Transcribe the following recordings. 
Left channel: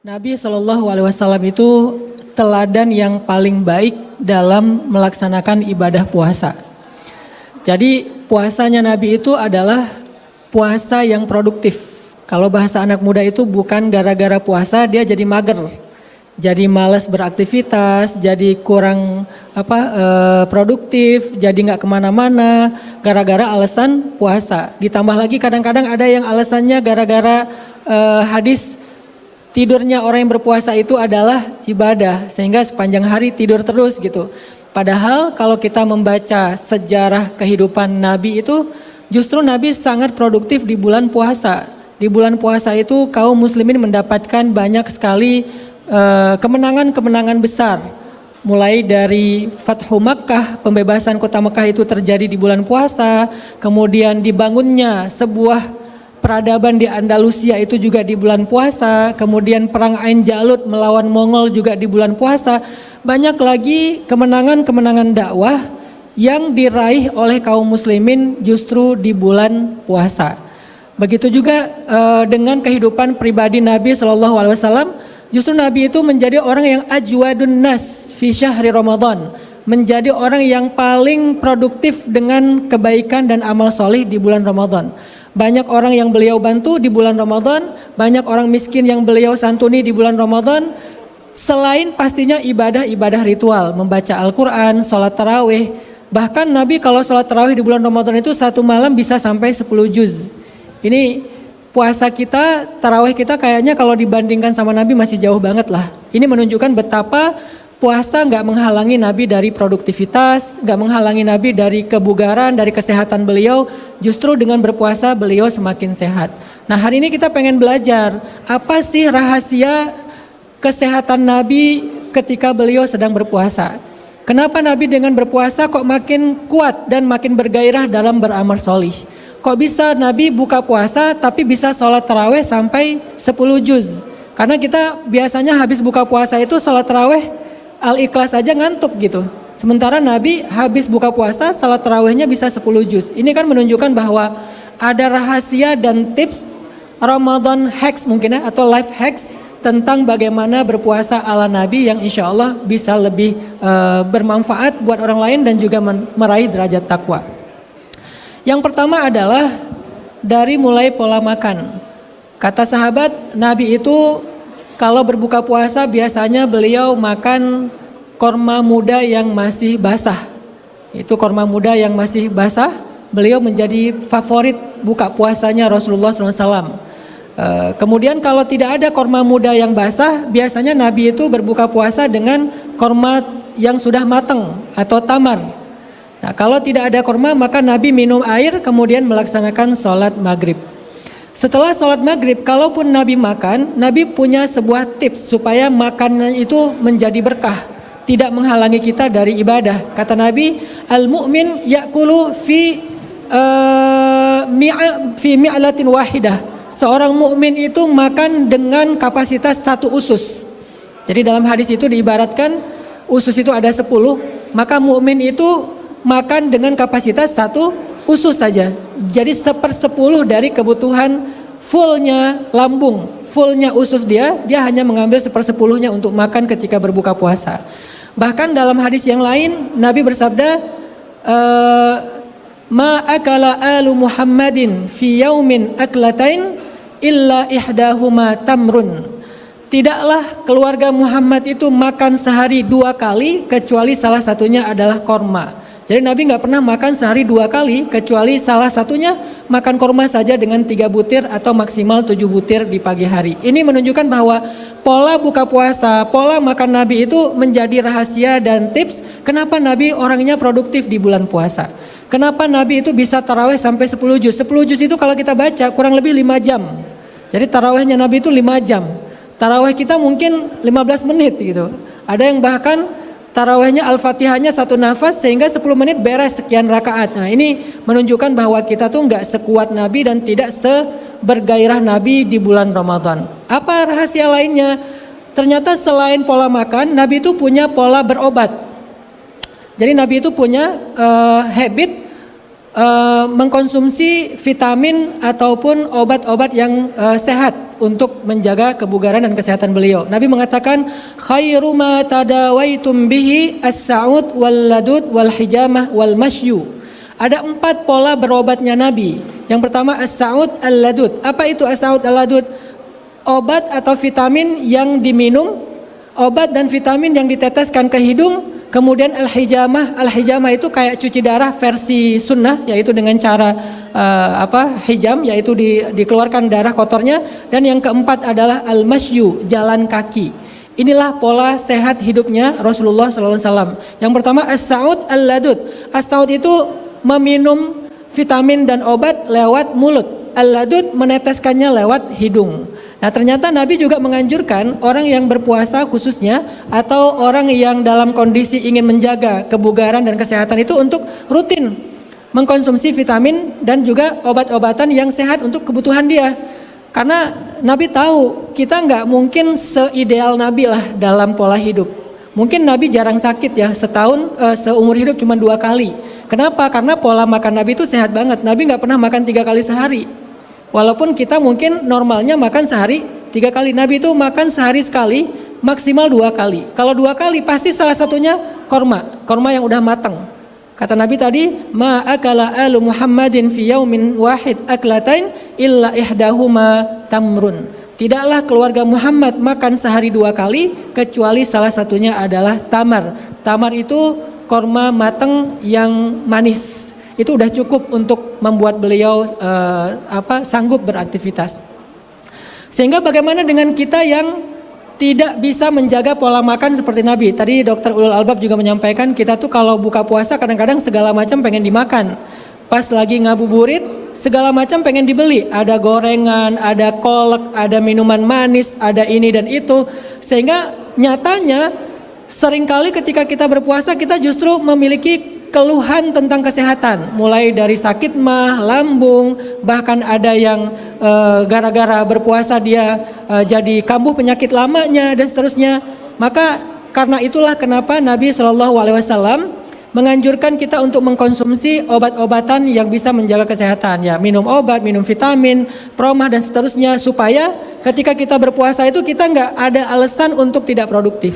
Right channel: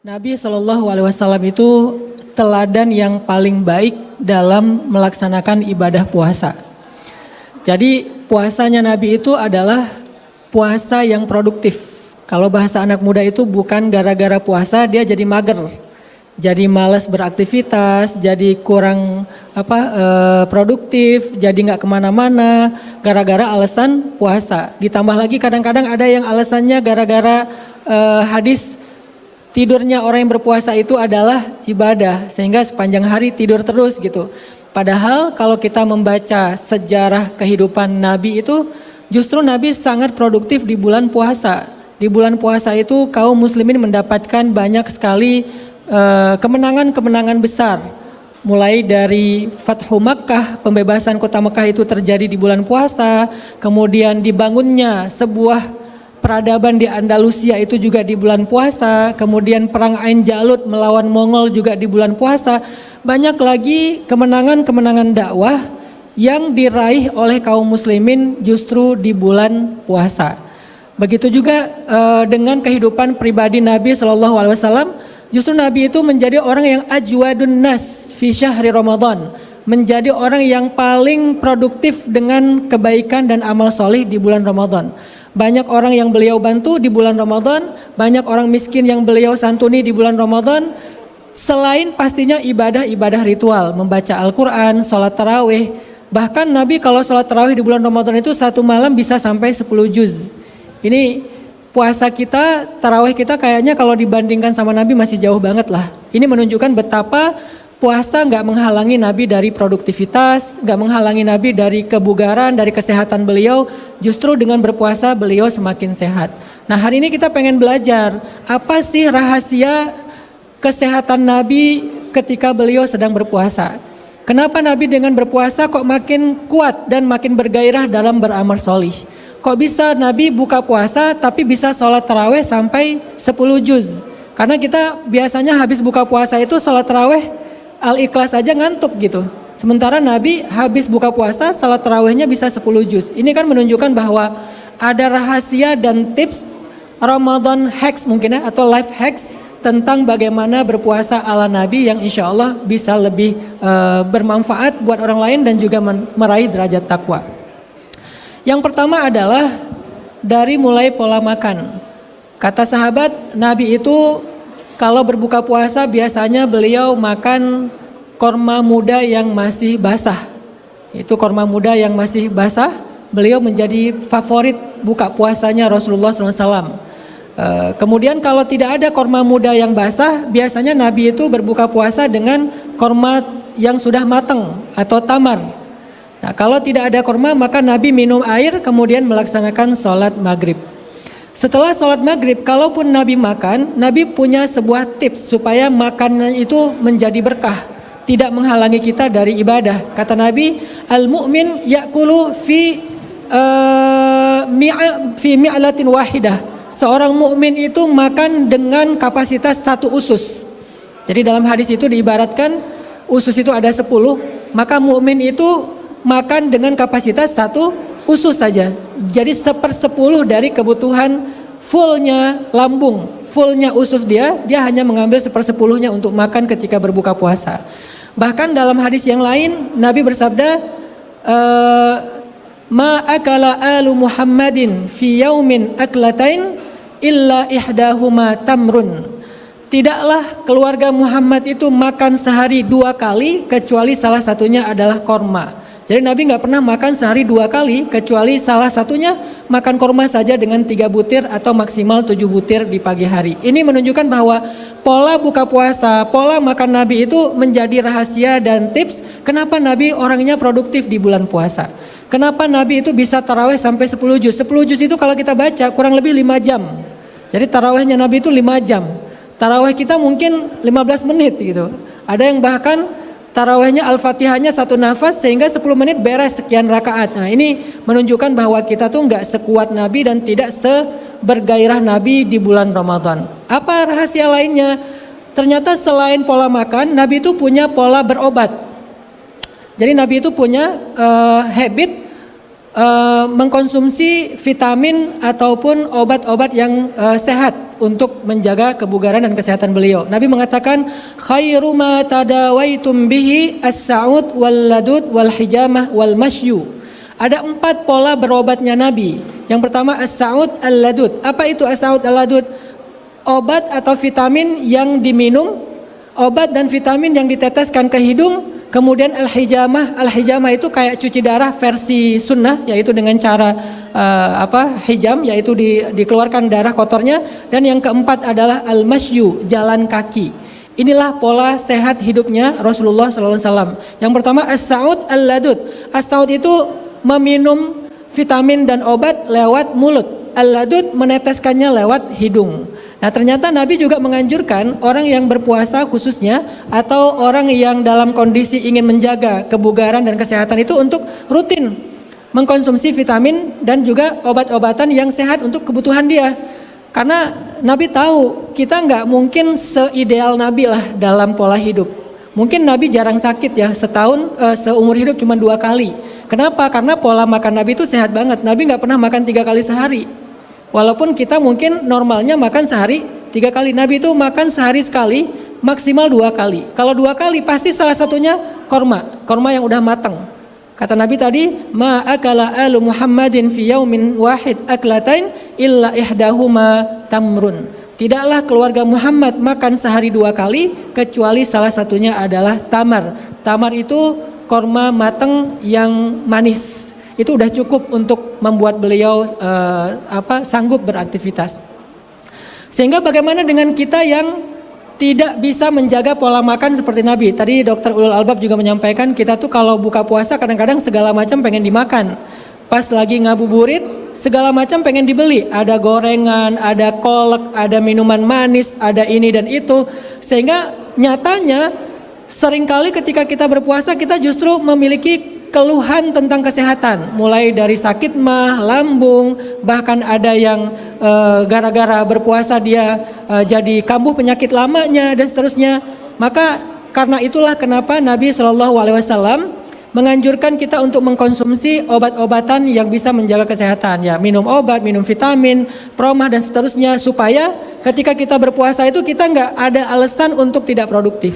Nabi Shallallahu Alaihi Wasallam itu teladan yang paling baik dalam melaksanakan ibadah puasa. Jadi puasanya Nabi itu adalah puasa yang produktif. Kalau bahasa anak muda itu bukan gara-gara puasa dia jadi mager, jadi malas beraktivitas, jadi kurang produktif, jadi nggak kemana-mana gara-gara alasan puasa. Ditambah lagi kadang-kadang ada yang alasannya gara-gara hadis tidurnya orang yang berpuasa itu adalah ibadah, sehingga sepanjang hari tidur terus gitu. Padahal kalau kita membaca sejarah kehidupan Nabi itu, justru Nabi sangat produktif di bulan puasa. Di bulan puasa itu kaum muslimin mendapatkan banyak sekali kemenangan-kemenangan besar. Mulai dari Fathu Makkah, pembebasan kota Makkah itu terjadi di bulan puasa. Kemudian dibangunnya sebuah peradaban di Andalusia itu juga di bulan puasa. Kemudian perang Ain Jalut melawan Mongol juga di bulan puasa. Banyak lagi kemenangan-kemenangan dakwah yang diraih oleh kaum muslimin justru di bulan puasa. Begitu juga dengan kehidupan pribadi Nabi Shallallahu Alaihi Wasallam. Justru Nabi itu menjadi orang yang ajwadun nas fi syahri Ramadan, menjadi orang yang paling produktif dengan kebaikan dan amal soleh di bulan Ramadan. Banyak orang yang beliau bantu di bulan Ramadan, banyak orang miskin yang beliau santuni di bulan Ramadan. Selain pastinya ibadah-ibadah ritual, membaca Al-Quran, sholat tarawih. Bahkan Nabi kalau sholat tarawih di bulan Ramadan itu satu malam bisa sampai 10 juz. Ini puasa kita, tarawih kita kayaknya kalau dibandingkan sama Nabi masih jauh banget lah. Ini menunjukkan betapa puasa nggak menghalangi Nabi dari produktivitas, nggak menghalangi Nabi dari kebugaran, dari kesehatan beliau. Justru dengan berpuasa beliau semakin sehat. Nah hari ini kita pengen belajar apa sih rahasia kesehatan Nabi ketika beliau sedang berpuasa. Kenapa Nabi dengan berpuasa kok makin kuat dan makin bergairah dalam beramal solih. Kok bisa Nabi buka puasa tapi bisa sholat taraweh sampai 10 juz. Karena kita biasanya habis buka puasa itu sholat taraweh Al-Ikhlas aja ngantuk gitu. Sementara Nabi habis buka puasa salat tarawihnya bisa 10 juz. Ini kan menunjukkan bahwa ada rahasia dan tips Ramadan hacks mungkin ya, atau life hacks tentang bagaimana berpuasa ala Nabi yang insya Allah bisa lebih bermanfaat buat orang lain dan juga meraih derajat takwa. Yang pertama adalah dari mulai pola makan. Kata sahabat, Nabi itu kalau berbuka puasa biasanya beliau makan korma muda yang masih basah. Itu korma muda yang masih basah, beliau menjadi favorit buka puasanya Rasulullah SAW. Kemudian kalau tidak ada korma muda yang basah, biasanya Nabi itu berbuka puasa dengan korma yang sudah matang atau tamar. Nah, kalau tidak ada korma maka Nabi minum air kemudian melaksanakan sholat maghrib. Setelah sholat maghrib, kalaupun Nabi makan, Nabi punya sebuah tips supaya makannya itu menjadi berkah, tidak menghalangi kita dari ibadah. Kata Nabi, al-mu'min ya'kulu fi mi'alatin wahidah. Seorang mukmin itu makan dengan kapasitas satu usus. Jadi dalam hadis itu diibaratkan usus itu ada 10, maka mukmin itu makan dengan kapasitas satu usus saja. Jadi 1/10 dari kebutuhan fullnya lambung, fullnya usus dia hanya mengambil 1/10-nya untuk makan ketika berbuka puasa. Bahkan dalam hadis yang lain Nabi bersabda, ma akala alu Muhammadin fi yaumin aklatain illa ihdahuma tamrun. Tidaklah keluarga Muhammad itu makan sehari 2 kali kecuali salah satunya adalah korma. Jadi Nabi nggak pernah makan sehari 2 kali kecuali salah satunya makan korma saja dengan 3 butir atau maksimal 7 butir di pagi hari. Ini menunjukkan bahwa pola buka puasa, pola makan Nabi itu menjadi rahasia dan tips kenapa Nabi orangnya produktif di bulan puasa. Kenapa Nabi itu bisa taraweh sampai 10 juz. 10 juz itu kalau kita baca kurang lebih 5 jam. Jadi tarawehnya Nabi itu 5 jam. Taraweh kita mungkin 15 menit gitu. Ada yang bahkan tarawehnya Al-Fatihahnya 1 nafas sehingga 10 menit beres sekian rakaat. Nah ini menunjukkan bahwa kita tuh nggak sekuat Nabi dan tidak sebergairah Nabi di bulan Ramadan. Apa rahasia lainnya? Ternyata selain pola makan, Nabi itu punya pola berobat. Jadi Nabi itu punya habit mengkonsumsi vitamin ataupun obat-obat yang sehat untuk menjaga kebugaran dan kesehatan beliau. Nabi mengatakan khairu ma tadawaitum bihi as-sa'ud wal ladud wal hijamah wal masyu. Ada 4 pola berobatnya Nabi. Yang pertama as-sa'ud al-ladud. Apa itu as-sa'ud al-ladud? Obat atau vitamin yang diminum, obat dan vitamin yang diteteskan ke hidung. Kemudian al-hijamah itu kayak cuci darah versi sunnah, yaitu dengan cara hijam, yaitu dikeluarkan darah kotornya. Dan yang keempat adalah al-masyu, jalan kaki. Inilah pola sehat hidupnya Rasulullah SAW. Yang pertama as-sa'ud al-ladud. As-sa'ud itu meminum vitamin dan obat lewat mulut. Al-ladud meneteskannya lewat hidung. Nah, ternyata Nabi juga menganjurkan orang yang berpuasa khususnya atau orang yang dalam kondisi ingin menjaga kebugaran dan kesehatan itu untuk rutin mengkonsumsi vitamin dan juga obat-obatan yang sehat untuk kebutuhan dia. Karena Nabi tahu kita nggak mungkin seideal Nabi lah dalam pola hidup. Mungkin Nabi jarang sakit ya, setahun seumur hidup cuma 2 kali. Kenapa? Karena pola makan Nabi itu sehat banget. Nabi nggak pernah makan 3 kali sehari. Walaupun kita mungkin normalnya makan sehari 3 kali, Nabi itu makan sehari sekali, maksimal 2 kali. Kalau 2 kali pasti salah satunya korma yang udah matang. Kata Nabi tadi, ma akala alu Muhammadin fi yaumin wahid aklatain illa ihdahuma tamrun. Tidaklah keluarga Muhammad makan sehari 2 kali kecuali salah satunya adalah tamar. Tamar itu korma matang yang manis. Itu udah cukup untuk membuat beliau sanggup beraktivitas. Sehingga bagaimana dengan kita yang tidak bisa menjaga pola makan seperti Nabi? Tadi Dr. Ulul Albab juga menyampaikan kita tuh kalau buka puasa kadang-kadang segala macam pengen dimakan. Pas lagi ngabuburit segala macam pengen dibeli. Ada gorengan, ada kolak, ada minuman manis, ada ini dan itu. Sehingga nyatanya seringkali ketika kita berpuasa kita justru memiliki keluhan tentang kesehatan, mulai dari sakit mah, lambung, bahkan ada yang gara-gara berpuasa dia jadi kambuh penyakit lamanya dan seterusnya. Maka karena itulah kenapa Nabi SAW menganjurkan kita untuk mengkonsumsi obat-obatan yang bisa menjaga kesehatan, ya minum obat, minum vitamin, proma dan seterusnya, supaya ketika kita berpuasa itu kita nggak ada alasan untuk tidak produktif.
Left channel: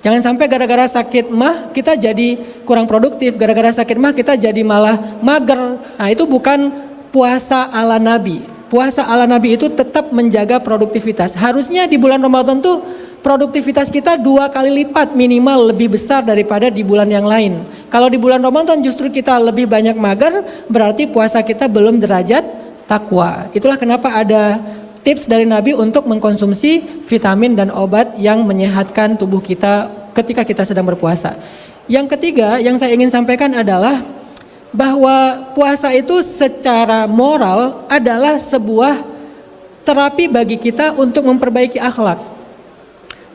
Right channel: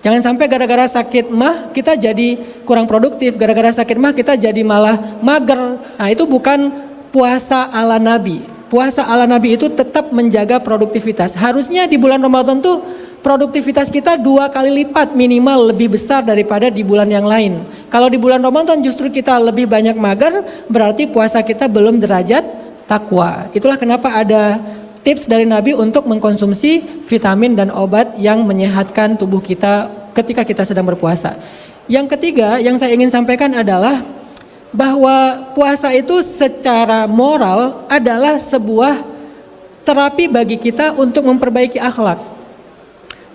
Jangan sampai gara-gara sakit mah kita jadi kurang produktif, gara-gara sakit mah kita jadi malah mager. Nah, itu bukan puasa ala Nabi. Puasa ala Nabi itu tetap menjaga produktivitas. Harusnya di bulan Ramadan tuh produktivitas kita 2 kali lipat minimal lebih besar daripada di bulan yang lain. Kalau di bulan Ramadan justru kita lebih banyak mager, berarti puasa kita belum derajat takwa. Itulah kenapa ada tips dari Nabi untuk mengkonsumsi vitamin dan obat yang menyehatkan tubuh kita ketika kita sedang berpuasa. Yang ketiga yang saya ingin sampaikan adalah bahwa puasa itu secara moral adalah sebuah terapi bagi kita untuk memperbaiki akhlak.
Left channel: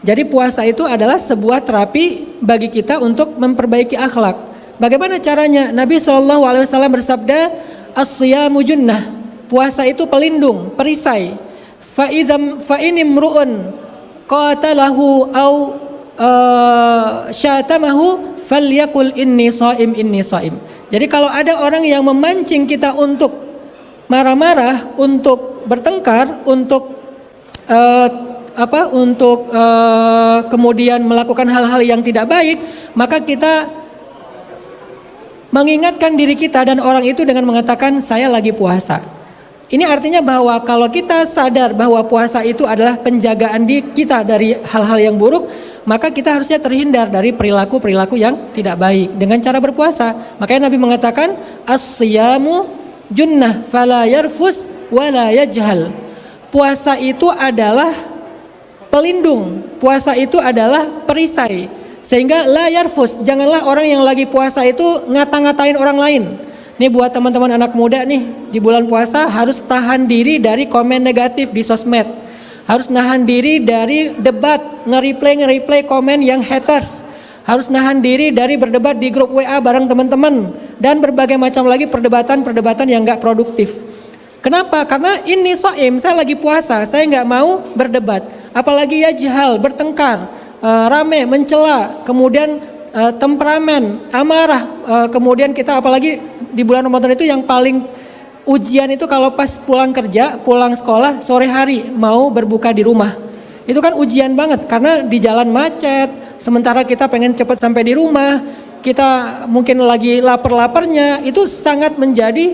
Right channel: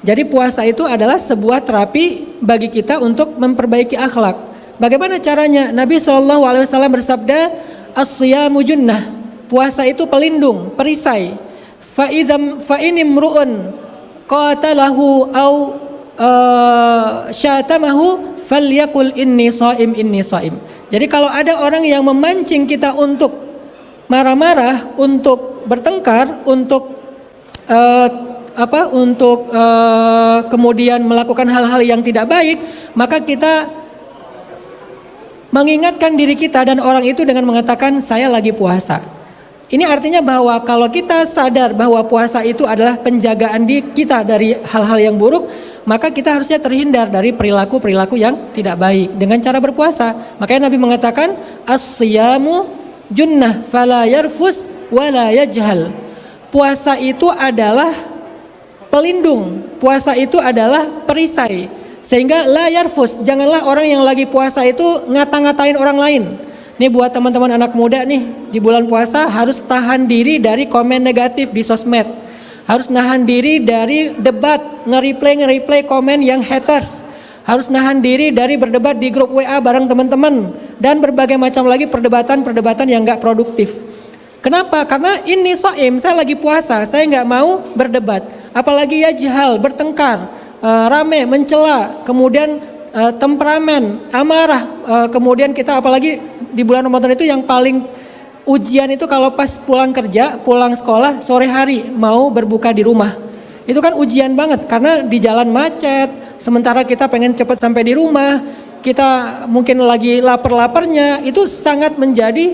Jadi puasa itu adalah sebuah terapi bagi kita untuk memperbaiki akhlak. Bagaimana caranya? Nabi SAW bersabda, as-siyamu junnah. Puasa itu pelindung, perisai. Fa in imru'un qatalahu aw syatamahu falyaqul inni shaim inni shaim. Jadi kalau ada orang yang memancing kita untuk marah-marah, untuk bertengkar, untuk kemudian melakukan hal-hal yang tidak baik, maka kita mengingatkan diri kita dan orang itu dengan mengatakan saya lagi puasa. Ini artinya bahwa kalau kita sadar bahwa puasa itu adalah penjagaan kita dari hal-hal yang buruk, maka kita harusnya terhindar dari perilaku-perilaku yang tidak baik dengan cara berpuasa. Makanya Nabi mengatakan as-siyamu junnah fala yarfus wala yajhal. Puasa itu adalah pelindung, puasa itu adalah perisai. Sehingga la yarfus, janganlah orang yang lagi puasa itu ngata-ngatain orang lain. Nih buat teman-teman anak muda nih, di bulan puasa harus tahan diri dari komen negatif di sosmed. Harus nahan diri dari debat, nge-replay komen yang haters. Harus nahan diri dari berdebat di grup WA bareng teman-teman. Dan berbagai macam lagi perdebatan yang gak produktif. Kenapa? Karena ini so'im, saya lagi puasa, saya gak mau berdebat. Apalagi ya jahal, bertengkar, rame, mencela, kemudian temperamen, amarah. Kemudian kita apalagi di bulan Ramadan itu yang paling ujian itu kalau pas pulang kerja, pulang sekolah, sore hari mau berbuka di rumah. Itu kan ujian banget karena di jalan macet, sementara kita pengen cepat sampai di rumah, kita mungkin lagi lapar-laparnya, itu sangat menjadi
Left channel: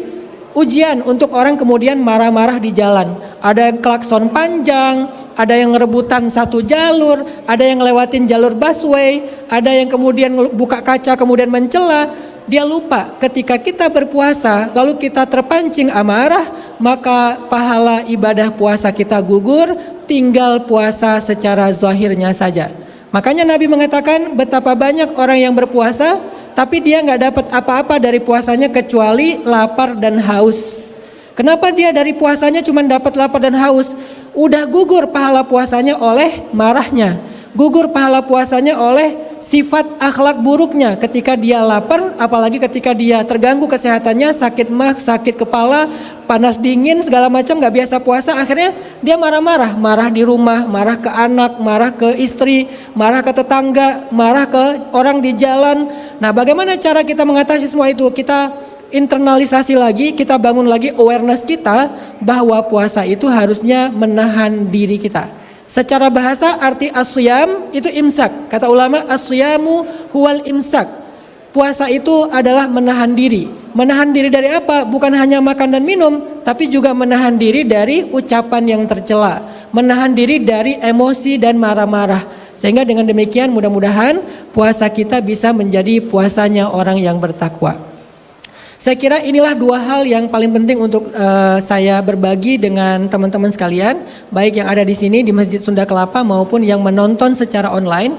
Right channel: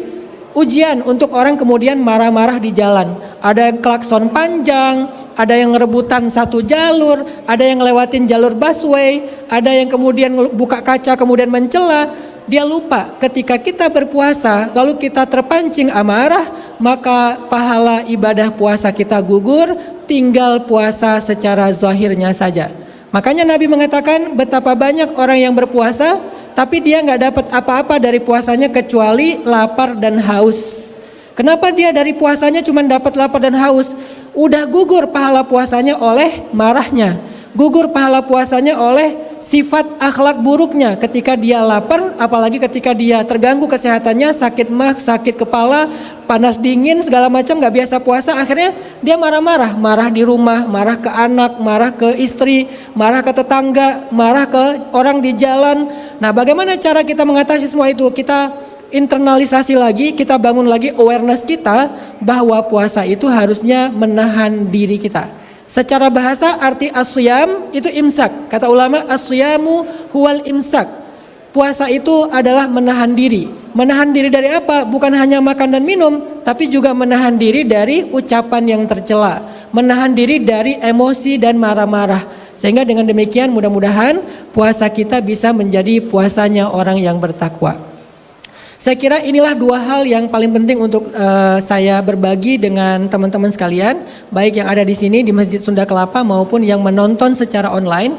ujian untuk orang kemudian marah-marah di jalan. Ada yang klakson panjang, ada yang rebutan satu jalur, ada yang lewatin jalur busway, ada yang kemudian buka kaca kemudian mencela. Dia lupa ketika kita berpuasa lalu kita terpancing amarah, maka pahala ibadah puasa kita gugur, tinggal puasa secara zahirnya saja. Makanya Nabi mengatakan betapa banyak orang yang berpuasa tapi dia nggak dapat apa-apa dari puasanya kecuali lapar dan haus. Kenapa dia dari puasanya cuma dapat lapar dan haus? Udah gugur pahala puasanya oleh marahnya, gugur pahala puasanya oleh sifat akhlak buruknya. Ketika dia lapar, apalagi ketika dia terganggu kesehatannya, sakit mah, sakit kepala, panas dingin segala macam, nggak biasa puasa, akhirnya dia marah-marah, marah di rumah, marah ke anak, marah ke istri, marah ke tetangga, marah ke orang di jalan. Nah, bagaimana cara kita mengatasi semua itu? Kita internalisasi lagi, kita bangun lagi awareness kita bahwa puasa itu harusnya menahan diri kita. Secara bahasa arti asyam itu imsak. Kata ulama asyamu huwal imsak. Puasa itu adalah menahan diri. Menahan diri dari apa? Bukan hanya makan dan minum, tapi juga menahan diri dari ucapan yang tercela. Menahan diri dari emosi dan marah-marah. Sehingga dengan demikian mudah-mudahan puasa kita bisa menjadi puasanya orang yang bertakwa. Saya kira inilah dua hal yang paling penting untuk saya berbagi dengan teman-teman sekalian, baik yang ada di sini di Masjid Sunda Kelapa maupun yang menonton secara online.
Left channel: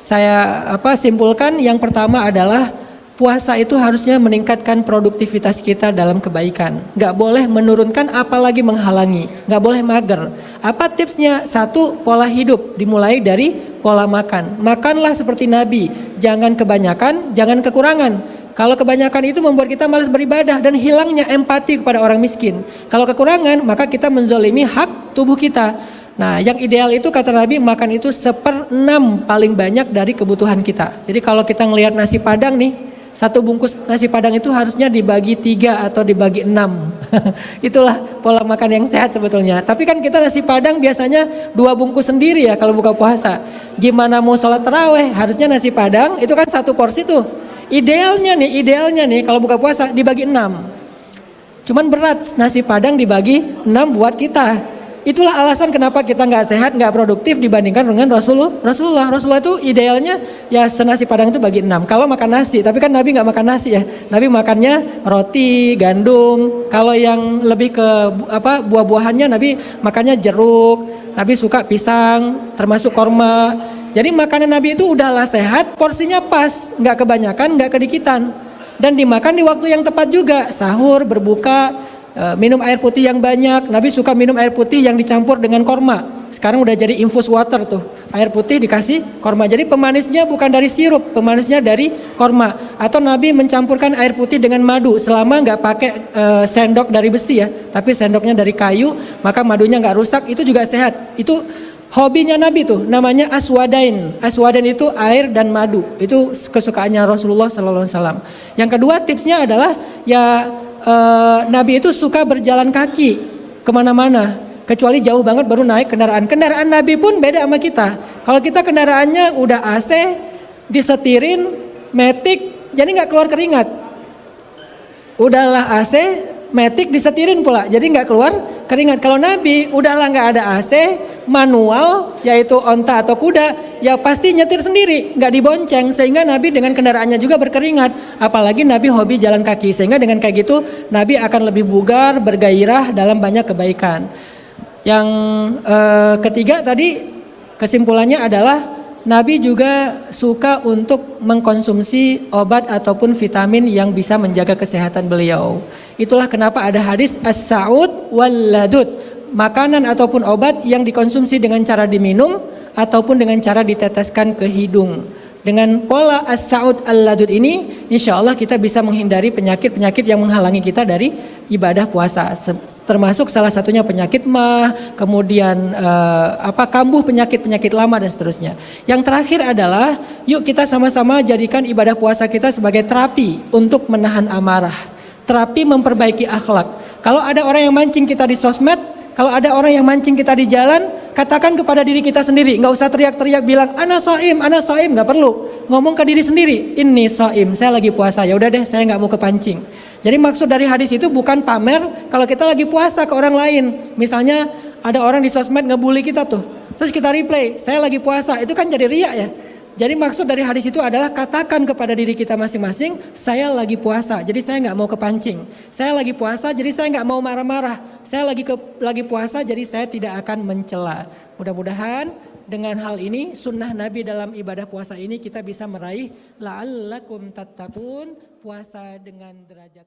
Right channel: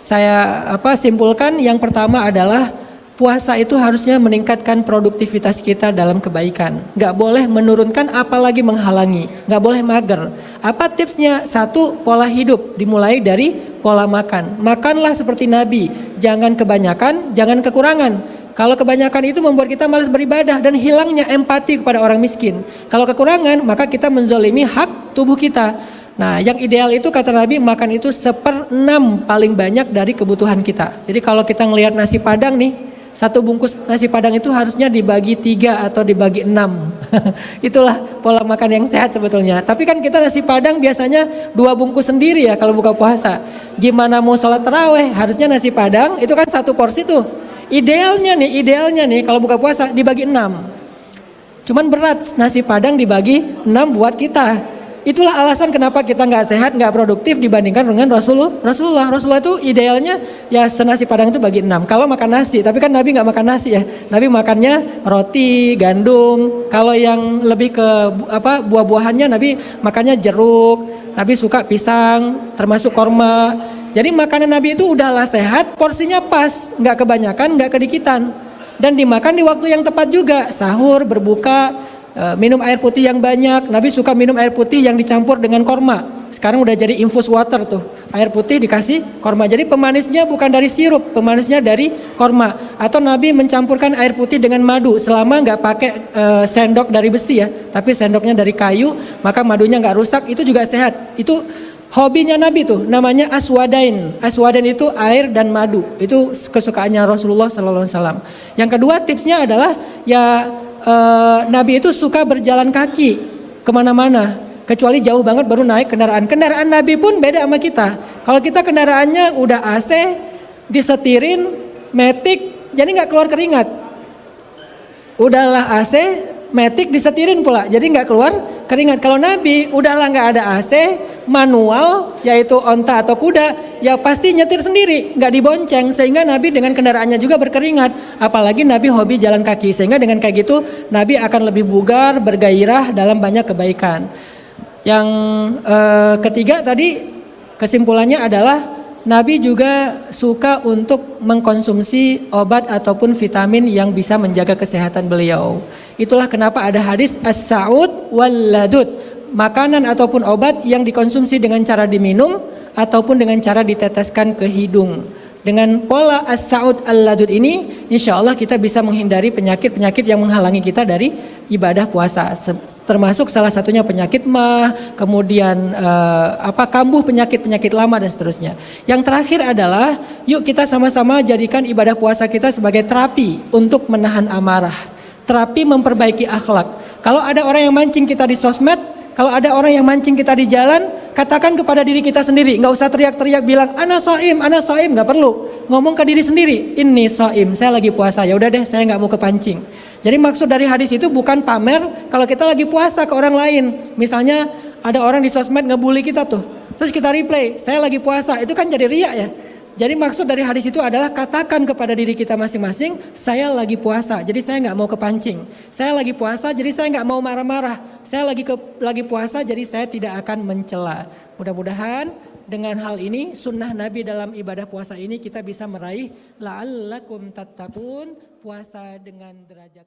Saya simpulkan yang pertama adalah puasa itu harusnya meningkatkan produktivitas kita dalam kebaikan. Gak boleh menurunkan apalagi menghalangi, gak boleh mager. Apa tipsnya? Satu, pola hidup dimulai dari pola makan. Makanlah seperti Nabi, jangan kebanyakan, jangan kekurangan. Kalau kebanyakan itu membuat kita malas beribadah dan hilangnya empati kepada orang miskin. Kalau kekurangan, maka kita menzalimi hak tubuh kita. Nah, yang ideal itu kata Nabi, makan itu 1/6 paling banyak dari kebutuhan kita. Jadi kalau kita ngelihat nasi padang nih, satu bungkus nasi padang itu harusnya dibagi 3 atau dibagi 6. Itulah pola makan yang sehat sebetulnya. Tapi kan kita nasi padang biasanya 2 bungkus sendiri ya kalau buka puasa. Gimana mau sholat taraweh? Harusnya nasi padang itu kan 1 porsi tuh. Idealnya nih kalau buka puasa dibagi 6. Cuman berat nasi padang dibagi 6 buat kita. Itulah alasan kenapa kita nggak sehat, nggak produktif dibandingkan dengan Rasulullah. Rasulullah itu idealnya ya senasi padang itu bagi 6. Kalau makan nasi, tapi kan Nabi nggak makan nasi ya. Nabi makannya roti, gandum. Kalau yang lebih ke buah-buahannya Nabi makannya jeruk. Nabi suka pisang, termasuk kurma. Jadi makanan Nabi itu udahlah sehat, porsinya pas, nggak kebanyakan, nggak kedikitan. Dan dimakan di waktu yang tepat juga, sahur, berbuka, minum air putih yang banyak. Nabi suka minum air putih yang dicampur dengan korma. Sekarang udah jadi infus water tuh, air putih dikasih korma. Jadi pemanisnya bukan dari sirup, pemanisnya dari korma. Atau Nabi mencampurkan air putih dengan madu, selama nggak pakai sendok dari besi ya, tapi sendoknya dari kayu, maka madunya nggak rusak, itu juga sehat. Itu hobinya Nabi tuh, namanya aswadain. Aswadain itu air dan madu. Itu kesukaannya Rasulullah SAW. Yang kedua tipsnya adalah ya Nabi itu suka berjalan kaki kemana-mana. Kecuali jauh banget baru naik kendaraan. Kendaraan Nabi pun beda sama kita. Kalau kita kendaraannya udah AC, disetirin, matic, jadi nggak keluar keringat. Udahlah AC, matic disetirin pula, jadi nggak keluar keringat. Kalau Nabi udahlah nggak ada AC, manual, yaitu onta atau kuda, ya pasti nyetir sendiri, nggak dibonceng, sehingga Nabi dengan kendaraannya juga berkeringat. Apalagi Nabi hobi jalan kaki, sehingga dengan kayak gitu Nabi akan lebih bugar, bergairah dalam banyak kebaikan. Yang ketiga tadi kesimpulannya adalah Nabi juga suka untuk mengkonsumsi obat ataupun vitamin yang bisa menjaga kesehatan beliau. Itulah kenapa ada hadis as-sa'ud wal ladud, makanan ataupun obat yang dikonsumsi dengan cara diminum ataupun dengan cara diteteskan ke hidung. Dengan pola as-sa'ud al-ladud ini, insya Allah kita bisa menghindari penyakit-penyakit yang menghalangi kita dari ibadah puasa. Termasuk salah satunya penyakit mah, kemudian kambuh penyakit-penyakit lama dan seterusnya. Yang terakhir adalah, yuk kita sama-sama jadikan ibadah puasa kita sebagai terapi untuk menahan amarah. Terapi memperbaiki akhlak. Kalau ada orang yang mancing kita di sosmed, kalau ada orang yang mancing kita di jalan, katakan kepada diri kita sendiri. Nggak usah teriak-teriak bilang, ana soim, nggak perlu. Ngomong ke diri sendiri, ini soim, saya lagi puasa. Ya udah deh, saya nggak mau kepancing. Jadi maksud dari hadis itu bukan pamer kalau kita lagi puasa ke orang lain. Misalnya ada orang di sosmed ngebully kita tuh, terus kita replay, saya lagi puasa. Itu kan jadi riak ya. Jadi maksud dari hadis itu adalah katakan kepada diri kita masing-masing, saya lagi puasa, jadi saya nggak mau kepancing. Saya lagi puasa, jadi saya nggak mau marah-marah. Saya lagi puasa, jadi saya tidak akan mencela. Mudah-mudahan dengan hal ini, sunnah Nabi dalam ibadah puasa ini kita bisa meraih la'allakum tattaqun, puasa dengan derajat